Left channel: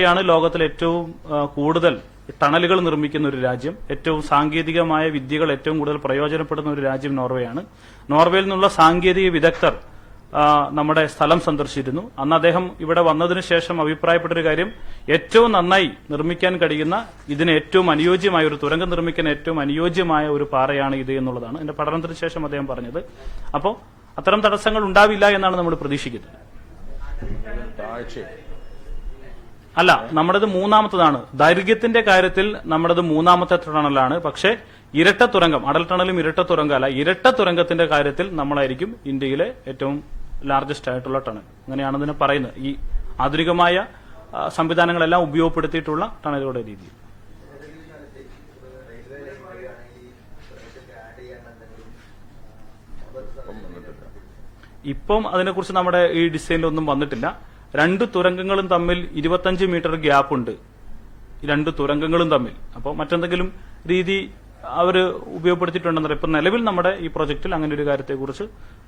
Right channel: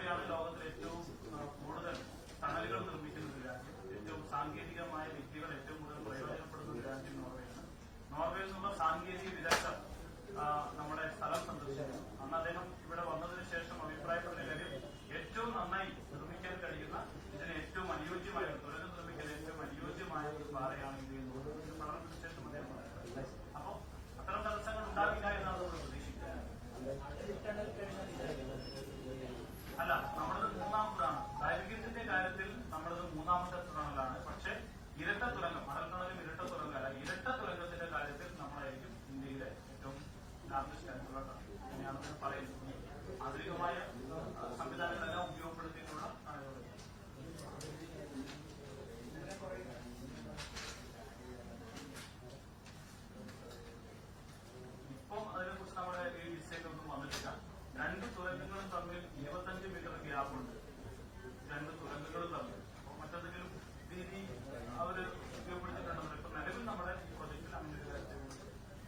യാണ് ലോകത്തിൽ ഏറ്റവും കൂടുതൽ ടണലുകൾ നിർമ്മിക്കുന്ന ഒരു രാജ്യം. ഏറ്റവും സാങ്കേതികമായ വിദ്യകൾ ഏറ്റവും കൂടുതൽ പ്രയോജനപ്പെടുന്ന ഒരു രാജ്യം നോർവേയാണ്. നോർവേയിൽ നിന്നുള്ള സാങ്കേതിക വിദഗ്ധർ നമ്മുടെ സ്ഥലം സന്ദർശിച്ചിരുന്നു. അന്ന് അദ്ദേഹം ഇവിടെ വന്നതിന് ശേഷം അഭിപ്രായപ്പെട്ടൊരു കാര്യം ഏറ്റവും നന്നായി നിർമ്മിക്കാൻ കഴിയുന്ന ഇതിന് ഏറ്റവും അനുയോജ്യമായ ഒരു തുരങ്കം നിർമ്മിക്കാൻ ഏറ്റവും അനുയോജ്യമായ ഒരു പാറയാണ് ഇത് എന്നുള്ളതാണ് എന്റെ പഠനത്തിന് ശേഷം അദ്ദേഹം പറഞ്ഞത്. അപ്പോൾ അത്തരം തടസ്സങ്ങൾ ഉണ്ടാവില്ല എന്നാണ് നമ്മൾ പ്രതീക്ഷിക്കുന്നത്. അല്ല നമ്മുടേത് മൂന്നാമത്തതാണ്. ദൈർഘ്യത്തിന്റെ കാര്യത്തിൽ നമ്മുടേത് മൂന്നാമത്തെ ടണലാണ് പക്ഷേ ഇരട്ട തുരങ്കം അടൽ ടണലും ഇരട്ട തുരങ്കം അല്ല ഇരട്ട തുരങ്കത്തിന്റെ കാര്യത്തിൽ നമ്മളായിരിക്കും ഇന്ത്യയിലെ ഏറ്റവും ലാർജസ്റ്റ് ആയിട്ടുള്ള ടണൽ. അങ്ങനെയാണ് ഇതിനെ പറയുന്നത്. ഈ ആധുനികമായ സംവിധാനങ്ങളെല്ലാം ഉപയോഗപ്പെടുത്തിയിട്ടുള്ള ടണലുകളുടെ രീതി. ഇപ്പം അതിനെക്കുറിച്ച് നമ്മുടെ ഈ ഡിസൈനിലൊന്നും വന്നിട്ടില്ല. രണ്ട് തുരങ്കങ്ങളും തമ്മിൽ ഇരുപത്തഞ്ച് മീറ്റർ ഗ്യാപ്പ് ഉണ്ട് രണ്ട് തുരങ്കങ്ങളും തമ്മിൽ. അപ്പോൾ മറ്റെന്തെങ്കിലും രീതി അവർ ഉപയോഗപ്പെടുത്തിയിട്ടുണ്ടെന്നറിയാം ഇപ്പം നിലവിൽ നമ്മുടെ ഈ പ്രൊജക്റ്റിൽ അങ്ങനെ ഒരു കാര്യത്തെക്കുറിച്ച്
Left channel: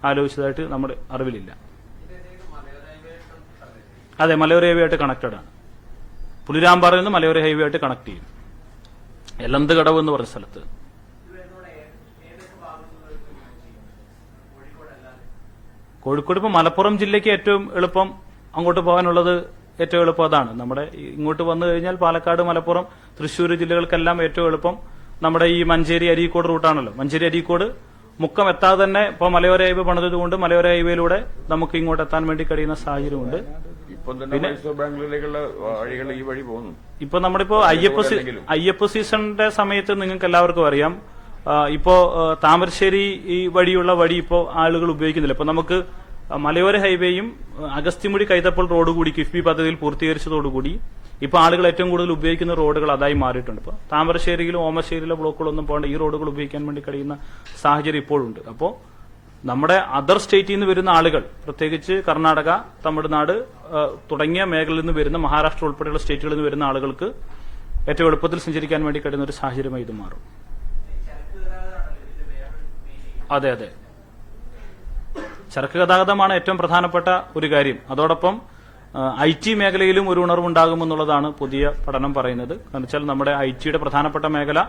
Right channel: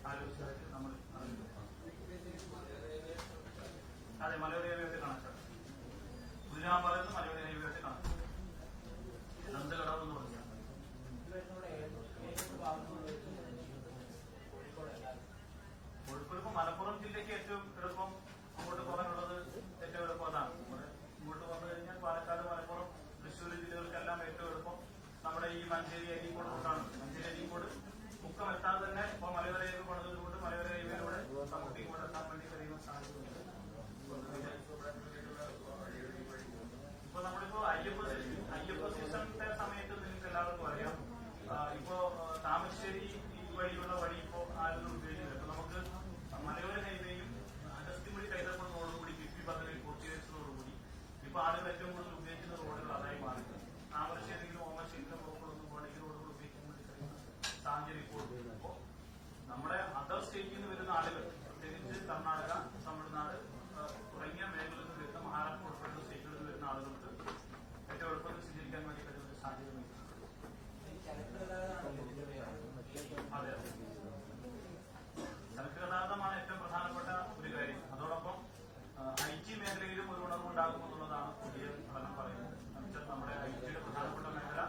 ആലോചിച്ചതായിട്ട് നമ്മുടെ അറിവിലില്ല. അതെ മലയോര ഹൈവേ ആയിട്ട് കണക്റ്റഡ് ആണ്. പുലിരാമ്പാറയിൽ നിന്ന് മലയോര ഹൈവേ ആയിട്ട് കണക്ട് ചെയ്യും. എലന്ത് കടവ് എന്ന് പറഞ്ഞ സ്ഥലത്ത്. കോഴിക്കോട് ഇപ്പൊ മലപ്പുറം ജില്ലയ്ക്ക് ഏറ്റവും എളുപ്പം അങ്ങോട്ട് പോകാനുള്ളത് ഏറ്റവും എളുപ്പം അതാണ്. നമ്മുടെ ഇങ്ങോട്ട് വന്നു കഴിഞ്ഞാൽ പാലക്കാട് മലപ്പുറം തൃശ്ശൂർ ജില്ലകൾക്കെല്ലാം ഏറ്റവും എളുപ്പം. നമ്മുടെ ഈ മഞ്ചേരി അരീക്കോട് റൂട്ടാണല്ലോ മഞ്ചേരി അരീക്കോട് മുക്കം എത്താതെ തന്നെ ഇപ്പൊ മലയോര ഹൈവേ പണിതത് കൊണ്ട് മലയോര ഹൈവേയിലൂടെ നമുക്ക് ഇങ്ങോട്ട് എത്താൻ വേണ്ടി കഴിയുന്ന സാഹചര്യമുണ്ട്. ഇപ്പം നമ്മളിപ്പോ അയ്യപ്പ അയ്യപ്പ സീസണിന്റെ സമയത്ത് നിങ്ങൾക്ക് എല്ലാവർക്കും അറിയാം. ഇപ്പോ താമരശ്ശേരി ഈ വഴിയുള്ള വഴി ഇപ്പോ ആളുകൾ ഉപയോഗിക്കുന്നില്ല. ഇപ്പൊ നമുക്ക് മലയോര ഹൈവേയും അഗസ്ത്യമുടി കൈതപ്പോൾ റോഡ് കൂടി കിഫ്ബി പദ്ധതിയിൽ പൂർത്തീകരിച്ചതോടുകൂടി ഇപ്പൊ ആളുകൾ ഏറ്റവും കൂടുതൽ ഉപയോഗിക്കുന്ന റോഡുകൾ അതായി മാറിയിട്ടുണ്ട്. ഇപ്പൊ താമരശ്ശേരിയിലും ഓമശ്ശേരിയിലെ ബ്ലോക്കുകളൊന്നും പോകേണ്ട ഈ റോഡുകൾ ഉപയോഗിക്കാൻ വേണ്ടി കഴിയുന്ന സാഹചര്യം ഇപ്പോഴുണ്ട്. അപ്പോൾ നമ്മുടെ അതർ സ്റ്റേറ്റിൽ നിന്ന് വരുന്ന ആളുകൾ പ്രത്യേകിച്ച് കർണാടക തമിഴ്നാട് തുടങ്ങിയ മേഖലയിൽ നിന്ന് വരുന്ന മഹാരാഷ്ട്ര ഉൾപ്പെടെയുള്ള സ്റ്റേറ്റുകളിൽ നിന്ന് വരുന്ന ആളുകൾക്ക് ഏറ്റവും എളുപ്പത്തിൽ സഞ്ചരിക്കാൻ വേണ്ടി കഴിയുന്ന ഒരു സാഹചര്യമായി ഇത് മാറും. അതെ അതെ. ചരക്ക് ഗതാഗതമാണ് ഏറ്റവും പ്രധാനപ്പെട്ട ഒരു കാര്യം. അതോടൊപ്പം ഐ ടി മേഖലയിലും ഒരു ഉണർവുണ്ടാകുമെന്നുള്ളതാണ് പുതിയ പഠനം പറയുന്നത്. കാരണം വെച്ചാൽ നമ്മുടെ ഐ ടിയുടെ പ്രധാനപ്പെട്ട മേഖല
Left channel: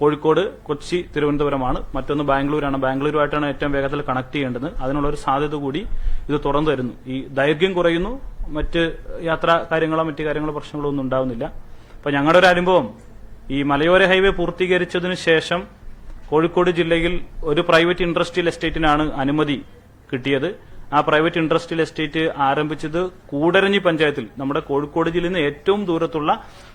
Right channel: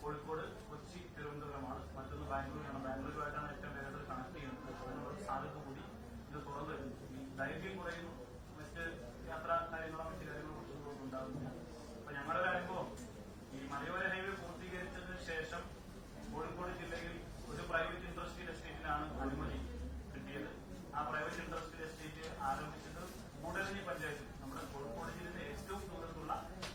കോഴിക്കോട് കൊച്ചി തിരുവനന്തപുരമാണ്. മറ്റൊന്ന് ബാംഗ്ലൂരാണ്. ബാംഗ്ലൂരുമായിട്ടാണ് ഏറ്റവും വേഗത്തിൽ കണക്ട് ചെയ്യേണ്ടത്. അതിനുള്ള ഒരു സാധ്യത കൂടി ഇത് തുറന്നു തരുന്നു. ഈ ദൈർഘ്യം കുറയുന്നു. മറ്റ് യാത്രാ കാര്യങ്ങളോ മറ്റു കാര്യങ്ങളോ പ്രശ്നങ്ങളോ ഒന്നും ഉണ്ടാവുന്നില്ല. അപ്പൊ ഞങ്ങളുടെ ഒരു അനുഭവം ഈ മലയോര ഹൈവേ പൂർത്തീകരിച്ചതിന് ശേഷം കോഴിക്കോട് ജില്ലയിൽ ഒരു പ്രൈവറ്റ് ഇൻഡസ്ട്രിയൽ എസ്റ്റേറ്റിനാണ് അനുമതി കിട്ടിയത്. ആ പ്രൈവറ്റ് ഇൻഡസ്ട്രിയൽ എസ്റ്റേറ്റ് ആരംഭിച്ചത് കൂടരഞ്ഞി പഞ്ചായത്തിൽ. നമ്മുടെ കോഴിക്കോട് ജില്ലയിൽ നിന്ന് ഏറ്റവും ദൂരത്തുള്ള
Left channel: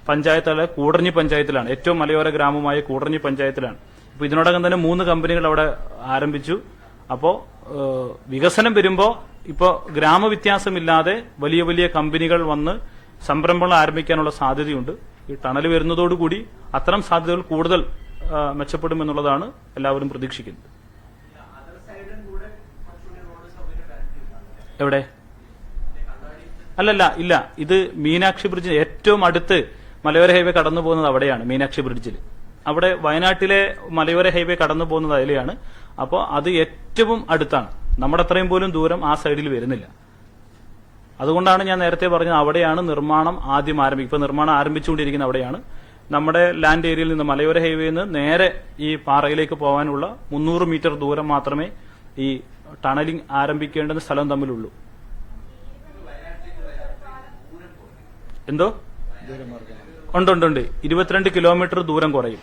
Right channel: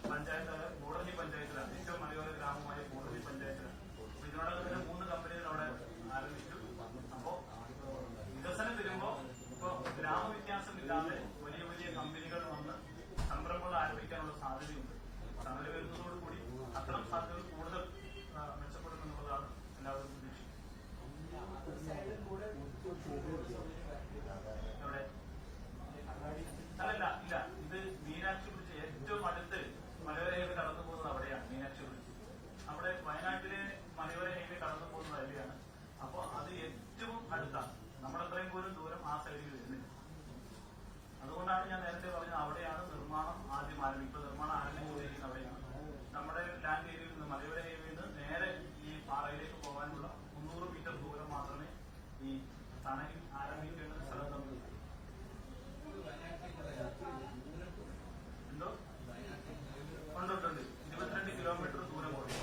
പഞ്ചായത്തായ കൂടരഞ്ഞി പഞ്ചായത്തിലാണ്. ഏറ്റവും മലയോര ഗ്രാമമായ കൂടരഞ്ഞി പഞ്ചായത്തിലാണ്. അപ്പോൾ ഇതിനോടകം തന്നെ മൂന്ന് കമ്പനികൾ അവിടെ ആരംഭിച്ചു. അപ്പോൾ വികസനം വരുമ്പോൾ ഇപ്പോ ഗ്രാമവ്യത്യാസമില്ലാതെ വലിയ വലിയ കമ്പനികൾ വന്ന് സംരംഭങ്ങൾ ആരംഭിക്കാനുള്ള സാധ്യതയുണ്ട്. ഈ ടണൽ വരുന്നതോടുകൂടി അത്തരം സാധ്യതകൾ കൂടുതൽ മെച്ചപ്പെടുമെന്നുള്ളതാണ് എല്ലാവരും പ്രതീക്ഷിക്കുന്നത്. എവിടെ? അല്ലല്ല ഇല്ല. ഇത് മീനാക്ഷി ബ്രിഡ്ജിന് ഏറ്റവും അടുത്ത് മലയോര ഹൈവേ കടന്നു പോകുന്നത് അവിടെയാണ് മീനാക്ഷി ബ്രിഡ്ജിൽ അവിടെ വയനാട്ടിലെ മലയോര ഹൈവേ കടന്നു പോകുന്നത് അതിലെയാണ്. അപ്പോൾ അത് ഏറ്റവും അടുത്താണ്. നമ്മുടെ അത്രയും പോലും ദൂരം ആ സൈഡിൽ വരുന്നില്ല. അതുകൊണ്ടാണ് ഞാൻ നേരത്തെ പറഞ്ഞത് അവിടെയാണ് നിർമ്മാണം ആദ്യം ആരംഭിക്കുക ഇപ്പൊ നിർമ്മാണം ആരംഭിച്ചുകൊണ്ടിരിക്കുന്ന അവിടെയാണ്. നമ്മുടെ ലാൻഡ് ഏരിയയിൽ നിന്ന് മലയോര ഹൈവേയിൽ നിന്ന് നേരെ ഈ പാറയിലേക്ക് പോകാനുള്ള മുന്നൂറ് മീറ്റർ ദൂരം മാത്രമേ ഈ ടണലിംഗ് ആരംഭിക്കേണ്ടുന്ന സ്ഥലം തമ്മിലുള്ളൂ. എന്തോ? ഉണ്ട് ഇരുപത്തിരണ്ട് കിലോമീറ്റർ ദൂരം കുറയും.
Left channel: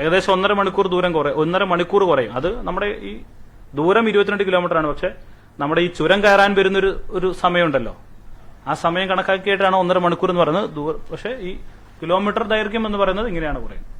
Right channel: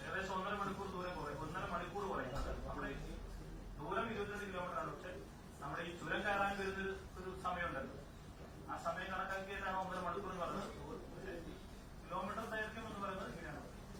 ഏകദേശം ഒന്നര മണിക്കൂർ ദൂരം കുറയും ഒന്നര മണിക്കൂർ കുറയും. അത് നമ്മുടെ ഈ ദൂരം ഇരുപത്തിരണ്ട് കിലോമീറ്റർ ആണ്. പക്ഷെ നമ്മുടെ ഈ ചുരം കയറാൻ വരുന്ന ഒരു സമയമുണ്ടല്ലോ. ആ സമയം കണക്കാക്കിയിട്ടാണ് ഒന്നര മണിക്കൂർ എന്ന് പറയുന്നത്. ദൂരം പക്ഷെ ഈ കിലോമീറ്റർ ദൈർഘ്യം എന്ന് പറയുന്നത് ഇങ്ങനെയാണ് പറയുന്നത്